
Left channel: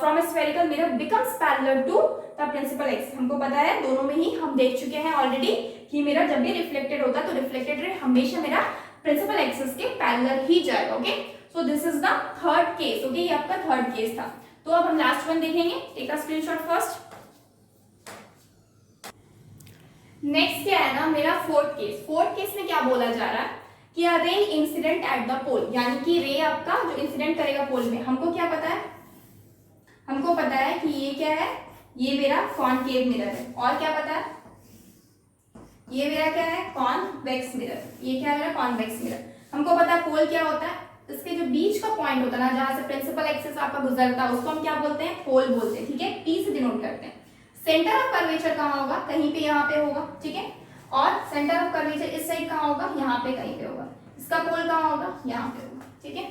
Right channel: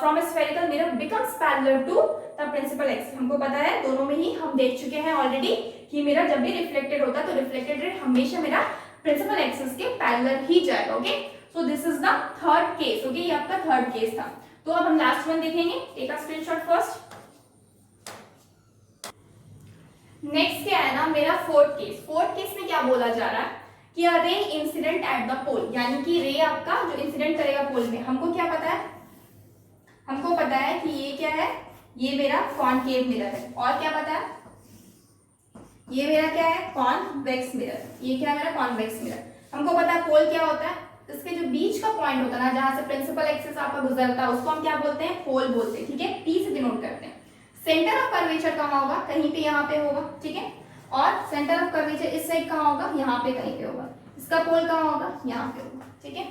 from a spherical mirror becomes parallel to the principal axis. हमको पता है, दोनों में ही हम देख चुके हैं ऑलरेडी कि मेरा जब भी रिफ्लेक्टेड होता है तो रिफ्लेक्टेड रे हमेशा मेरा प्रिंसिपल एक्सिस के पैरेलल ही जाएगा। Okay, so this is the third case. Okay, ये आपका थर्ड केस था। तो अब हम लास्ट वन देखेंगे, take a screenshot first. Next क्या है ना, मेरा फोर्थ केस। फोर्थ केस में क्या बोला जा रहा है कि a ray incident at the पोल, यानी कि रे आपका जो इंसिडेंट करेगा पोल में। हमको क्या पता है, हमको पता है कि ये क्या है, ये मेरा कॉनकेव मिरर है। और क्या पता है, ये मेरा क्या है, कॉन्वेक्स मिरर। ये क्या है मेरा कॉन्वेक्स मिरर। हमको पता है पोल क्या होता है, इसके जो बीच का पॉइंट होता है ना, जहां से प्रिंसिपल एक्सिस आपका गुजरता है, उसको हम क्या बोलते हैं, पोल बोलते हैं। ठीक है, पी से डिनोट करते हैं। सेंटर ऑफ कर्वेचर कहाँ होगा, कहीं पे यहाँ पे होगा। ठीक है, और सेंटर ऑफ कर्वेचर इस साइड कहाँ होगा, यहाँ पे कहीं पे होगा। इसका पोल कहाँ होगा, यहाँ पे होगा। ठीक है,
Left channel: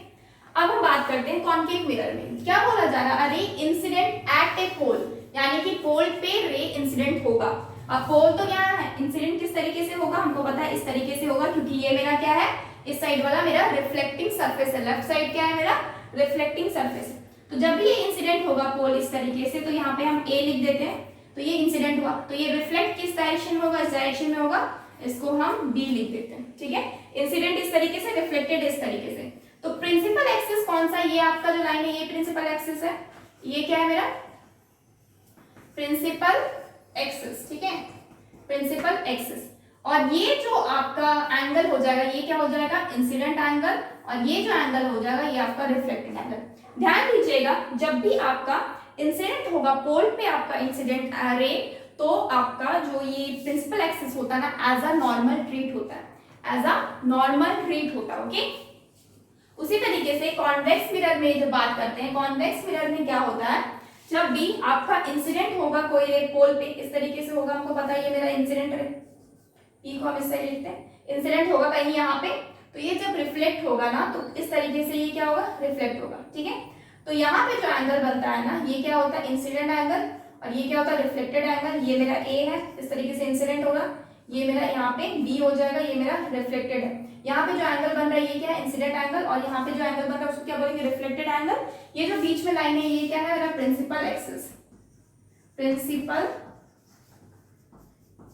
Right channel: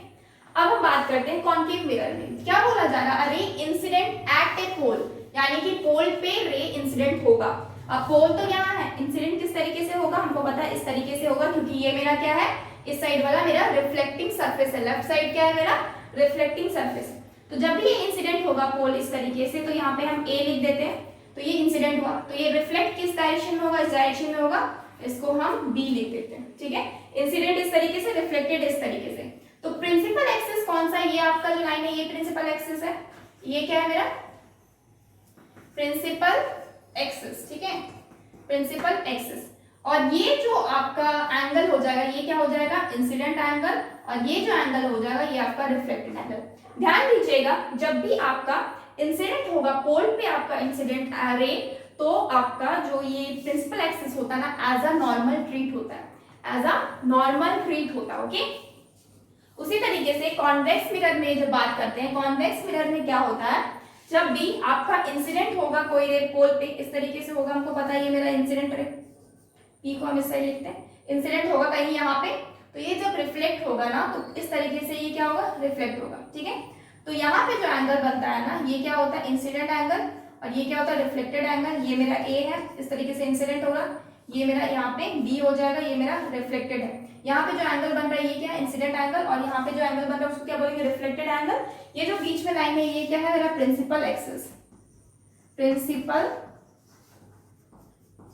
अब हम बात करते हैं कॉनकेव मिरर में क्या बोला जा रहा है, अरे इंसिडेंट एट ए पोल, यानी कि पोल पे रे इंसिडेंट होगा। अब पोल तो यहाँ है, इंसिडेंट किस तरीके से होगा, हमको पता है इस तरीके से होगा, क्योंकि ये मेरा क्या है, इस साइड वाला मेरा रिफ्लेक्टिंग सरफेस है, लेफ्ट साइड क्या है मेरा रिफ्लेक्टिंग सरफेस। तो जब भी ये इंसिडेंट होगा पोल इस तरीके से, तो यहाँ पे हम ए लिख देते हैं। तो ये इंसिडेंट हुआ, तो ये रिफ्लेक्ट किस डायरेक्शन में होगा, इस डायरेक्शन में होगा, इसको हम बी लिख देते हैं। ठीक है, इंसिडेंट इस तरीके से, रिफ्लेक्टेड इस तरीके से। तो प्रिंसिपल एक्सिस कौन सा है, ये आपका जो लाइन है ये प्रिंसिपल एक्सिस है। ये क्या है मेरा प्रिंसिपल एक्सिस। ठीक है, प्रिंसिपल एक्सिस। और ये जो आपका एंगल हो जाएगा, ये क्या हो जाएगा, इंसिडेंट एंगल, और ये जो एंगल हो जाएगा ये आपका रिफ्लेक्टेड एंगल। ध्यान दीजिएगा, जब भी आपका इंसिडेंट होगा पोल पे आपका इंसिडेंट रे, तो आपका जो ये प्रिंसिपल एक्सिस होता है ना, एज अ नॉर्मल ट्रीट होता है, एज अ नॉर्मल ट्रीट होता है। ओके, उसी तरीके से कॉन्वेक्स मिरर में जब बात करते हैं, कॉन्वेक्स मिरर में क्या होता है जब भी आपका इंसिडेंट होगा कोई रे पोल पे, इस तरीके से होगा, हमको पता है ये मेरा इंसिडेंट रे, पी को हम इस साइड लिखते हैं, इंसिडेंट होगा कहीं यहाँ पे, तो ये जब रिफ्लेक्ट होगा ना तो इस तरीके से ये क्या होगा, रिफ्लेक्ट होगा, ठीक है। तो यहाँ पे जो एंगल बनता है ना, ये क्या होता है, इंसिडेंट एंगल, और ये क्या होता है, रिफ्लेक्टेड एंगल। ये मेरा ए है, इस तरीके से इंसिडेंट होगा, ये मेरा यहाँ पे बी हो जाएगा, ये मेरा रिफ्लेक्टेड है। यहाँ पे जो एंगल बन रहा है ये क्या है, इंसिडेंट एंगल, और यहाँ पे जो एंगल बन रहा है उसको क्या बोलेंगे, रिफ्लेक्टेड एंगल। ये जो बीच में लाइन है ये क्या है, मेरा प्रिंसिपल एक्सिस, प्रिंसिपल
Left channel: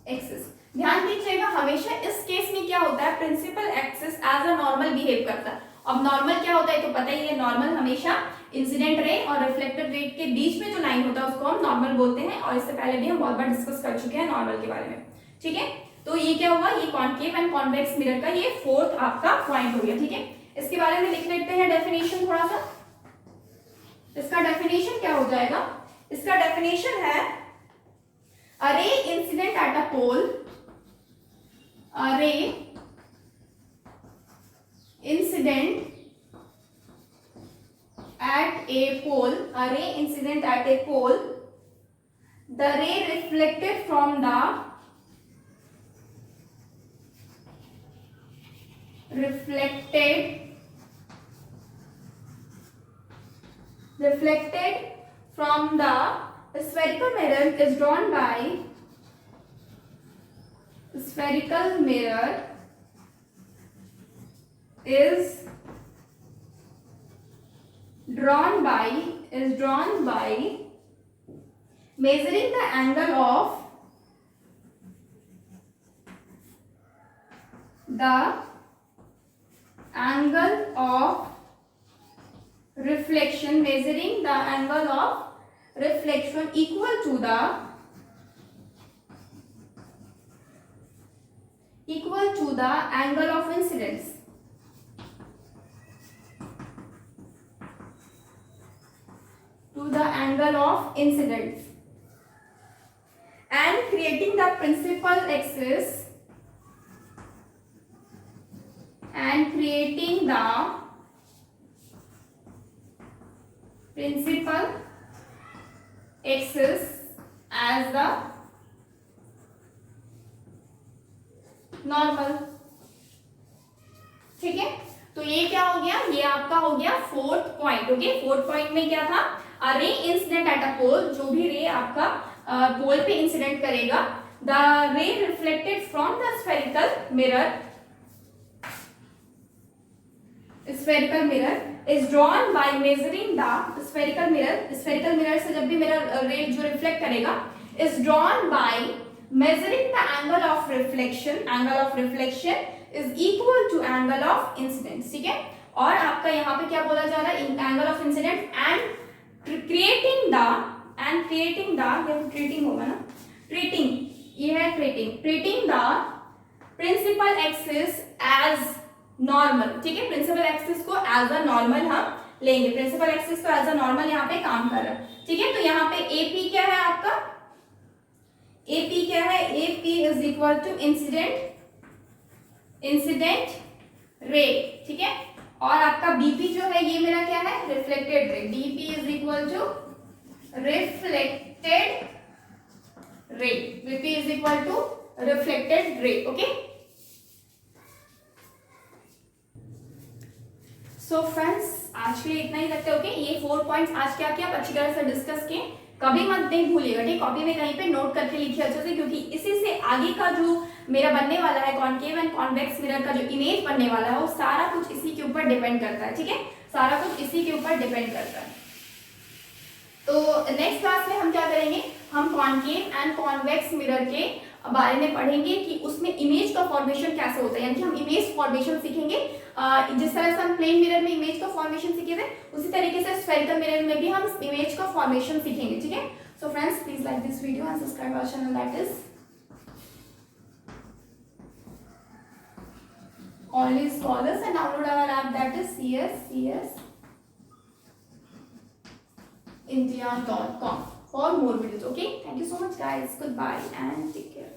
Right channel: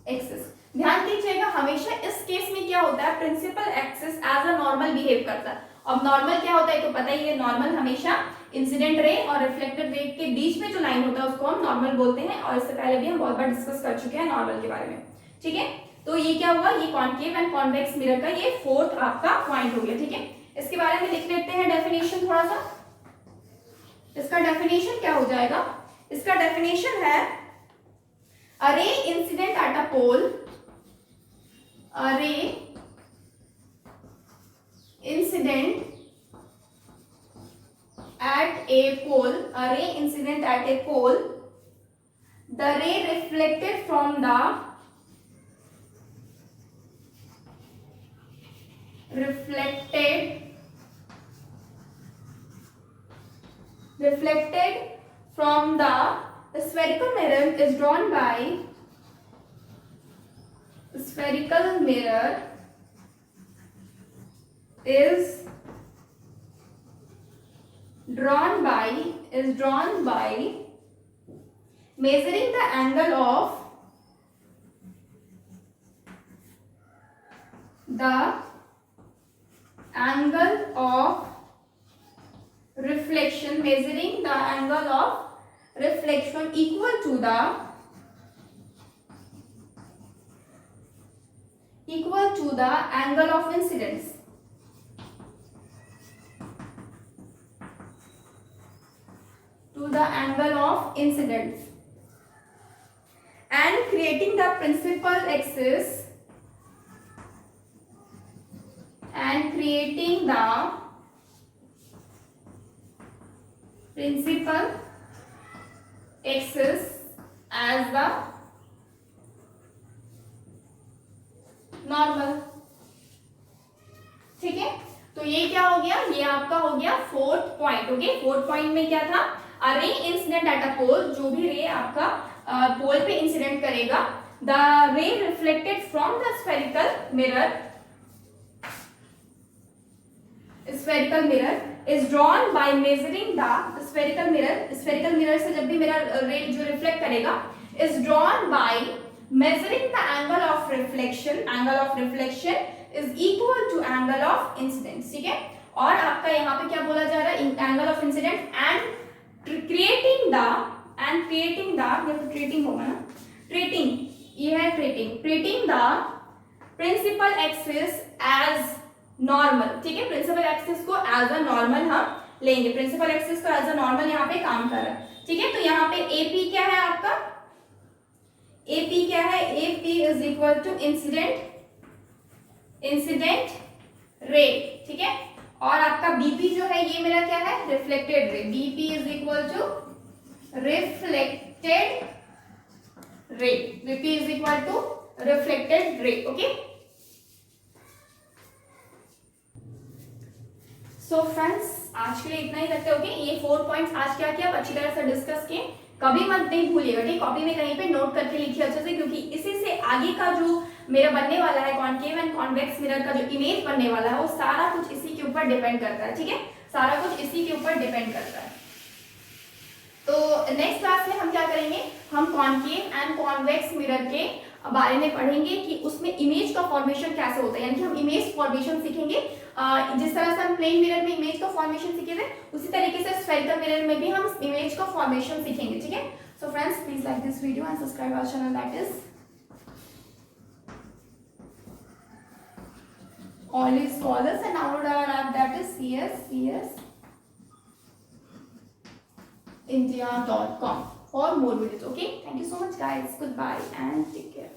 एक्सिस। ध्यान दीजिएगा, हमेशा इस केस में क्या होता है, principal axis as a normal behave करता है। अब नॉर्मल क्या होता है तो पता ही है, नॉर्मल हमेशा इंसिडेंट रे और रिफ्लेक्टेड रे के बीच में जो लाइन होता है उसको हम नॉर्मल बोलते हैं, और इससे पहले भी हम बहुत बार डिस्कस कर चुके हैं नॉर्मल के बारे में, ठीक है। तो ये क्या हुआ, ये कॉन्केव एंड कॉन्वेक्स मिरर का ये फोर्थ आपका पॉइंट हो गया, ठीक है। इसके बारे में लिख लेते हैं डेफिनेशन थोड़ा सा। इसका डेफिनेशन क्या हो जाएगा, इसका डेफिनेशन है a ray incident at a pole, a ray incident at a pole, a ray incident at a pole, the ray reflected from the spherical mirror is drawn by spherical mirror is drawn by measuring the angle of reflection, measuring the angle of reflection equal to the angle of incidence. To the angle of incidence, and creating the principal axis, and creating the principal axis as the normal, ठीक है। तो ये क्या हो गया, ये आपका हो गया fourth point. Okay, fourth point में क्या था, अ रे इंसिडेंट एट अ पोल, जो भी रे आपका पोल पे इंसिडेंट करेगा, द रे reflected from the spherical mirror is drawn by measuring the spherical mirror से जब भी मेरा रे जो रिफ्लेक्ट करेगा is drawn by measuring the angle of reflection is equal to angle of incidence, ठीक है। और आपका यहाँ पे क्या बोला जा रहा है, angle of incidence and creating the होगा ना, ये है treating the principal axis as normal, ठीक है। प्रिंसिपल एक्सिस को एज अ नॉर्मल हम लेंगे, प्रिंसिपल एक्सिस को एज अ नॉर्मल यहाँ पे काम कर रहा है, ठीक है। तो यहाँ पे एपी क्या है आपका, एपी क्या है, AP is equal to incident ray, ठीक है। और आपका बीपी जो है ये मेरा क्या है, reflected ray, BP is equal to reflected ray, BP is equal to reflected ray. Okay, so friends आज के लिए इतना ही रखते हो। ओके, ये 4 पॉइंट्स आज क्या किया अच्छी तरह से डिस्कस किए, कभी मत नहीं भूलिएगा, ठीक, कॉपी में कहीं पे नोट करके लिखिए अच्छे से, क्योंकि इसी से आगे का जो मेरा बनने वाला है कॉन्केव एंड कॉन्वेक्स मिरर का जो इमेज बनने वाला है वो सारा कुछ इसी के ऊपर डिपेंड करता है, ठीक है, सारा कुछ इसी के ऊपर डिपेंड करता है। तो नेक्स्ट क्लास में हम क्या करेंगे, हम कॉन्केव एंड कॉन्वेक्स मिरर के बारे में पढ़ेंगे कि उसमें इमेज का फॉर्मेशन कैसे होता है, यानी कि हम इमेज फॉर्मेशन सीखेंगे। जिस तरह से हम प्लेन मिरर में इमेज का फॉर्मेशन सीखे थे उसी तरीके से स्फेरिकल मिरर में भी हम इमेज का फॉर्मेशन सीखेंगे, ठीक है। So friends please like this video and subscribe our channel, that is Always Scholars, and download our app, that is csindia.com for more videos. Okay, thank you so much guys, goodbye and take care.